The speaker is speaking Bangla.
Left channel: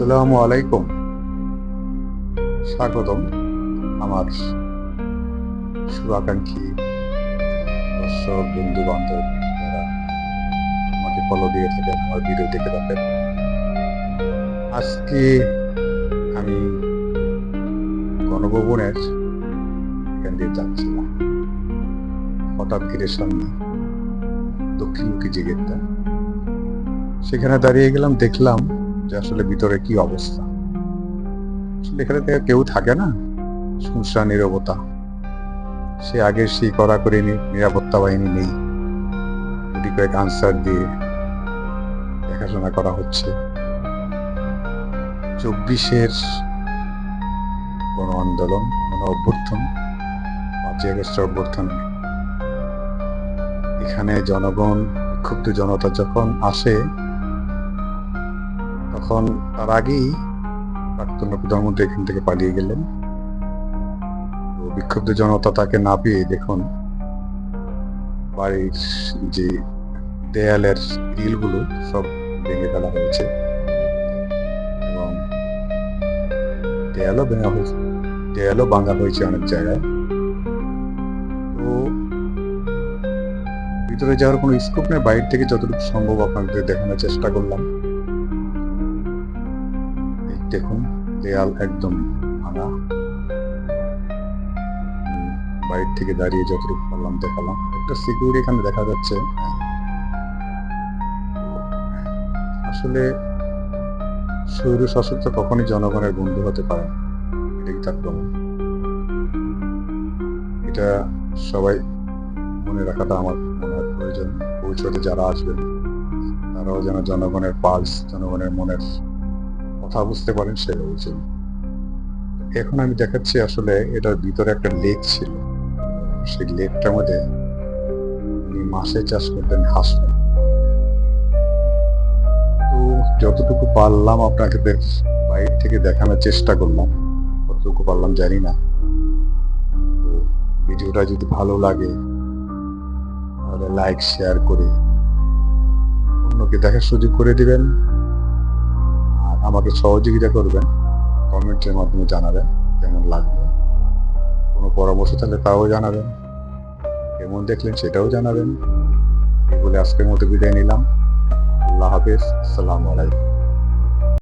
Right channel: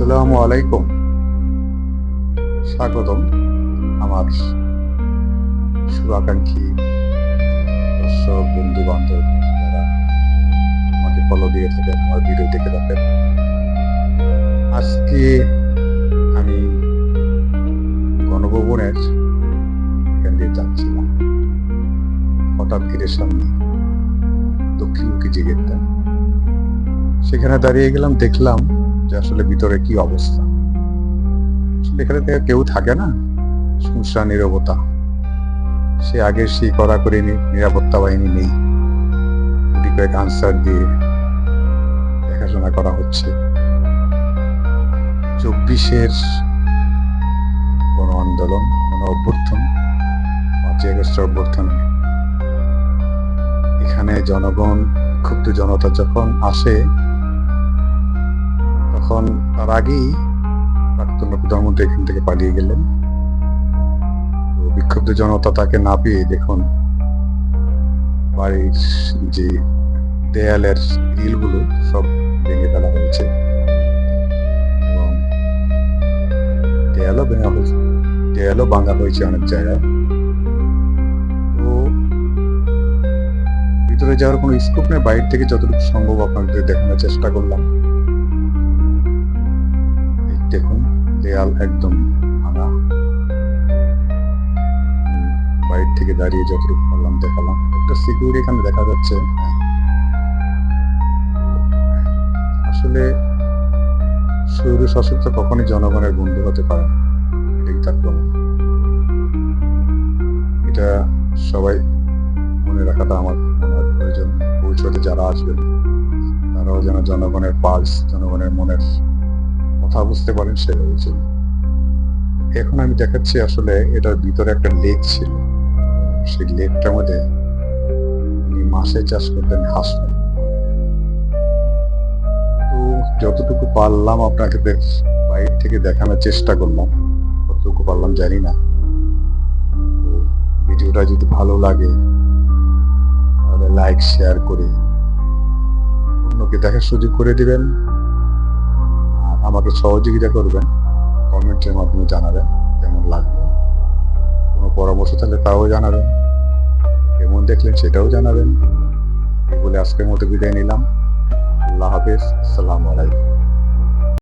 আসসালামু আলাইকুম। স্বাগতম আমার শুভাকাঙ্ক্ষী দর্শক বন্ধু বান্ধব যারা আমাকে ফলো দিয়ে থাকেন, আমার ভিডিও দেখে থাকেন। আজকে আমি গণভবনের এখান দিয়ে যাচ্ছিলাম, হঠাৎ গেটের সামনে দক্ষিণমুখী যে গেটটা, সেখানে দাঁড়িয়ে গেলাম। দেখলাম যে আসলে ভিতরে কি অবস্থা। আসলে এখানে থেকে কেউ থাকে না, শুনশান নীরবতা। সে আগের সেই কড়াকড়ি নিরাপত্তা বাহিনী নেই, গুটি কয়েক আনসার দিয়ে দেখাশোনা করা হচ্ছে। 24-এর গণ আন্দোলন, গণ অভ্যুত্থান, 5ই আগস্ট অভ্যুত্থানে এখানে জনগণ, বিক্ষুব্ধ জনতা যখন আসে, তখন তার আগেই প্রাক্তন প্রধানমন্ত্রী এখান থেকে পালিয়ে গেলেন। তো বিক্ষুব্ধ জনতা তাকে না পেয়ে দেখুন বাড়ির যে দেয়ালের গ্রিলগুলো সব ভেঙে ফেলা হয়েছে এবং দেয়ালও ভাঙা হয়েছে অনেক জায়গায়। তো ভিতরে যাওয়ার কোনো স্কোপ নেই, বাইরে থেকে যতটুকু সম্ভব আপনাদের দেখানোর চেষ্টা করলাম। এই দেখুন, দেয়াল একদম ভাঙা। বাইরে থেকে দাঁড়িয়ে যতটুকু পারলাম দেখালাম। একটা সিকিউরিটি এখানে দেখা যাচ্ছে। আসলে স্বৈর শাসক কখনই জনগণের বন্ধু হতে পারে না, এটাই তার প্রমাণ। এটা সবাই মনে রাখাটা আমার মনে হয় প্রয়োজন। ভবিষ্যতে যারা আসবেন তারাও যেন জনগণের পালস, জনগণের মনের কথা বুঝতে পারেন, সেভাবে চলুন। এখন আমি দেখাচ্ছি আসলে এটার ভিতরে একটা লেক ছিল। সেই লেকটার মধ্যে উনি মাছে চাষ করতেন, হাঁস। তো যতটুকু পারলাম আপনাকে বাইরে থেকে দেখানোর চেষ্টা করলাম, কতটুকু পারলাম জানি না। তো ভিডিওটা যদি ভালো লাগে তাহলে লাইক শেয়ার করে অন্যকে দেখার সুযোগ করে দিবেন, আর আমাকে সহযোগিতা করবেন। কমেন্টের মাধ্যমে জানাবেন কেমন লাগলো। কোনো পরামর্শ থাকলে তাও জানাবেন, কেমন দেখলেন সেটাও জানাবেন। এই বলে আজকের মতো বিদায় নিলাম। আল্লাহ হাফেজ, আসসালামু আলাইকুম।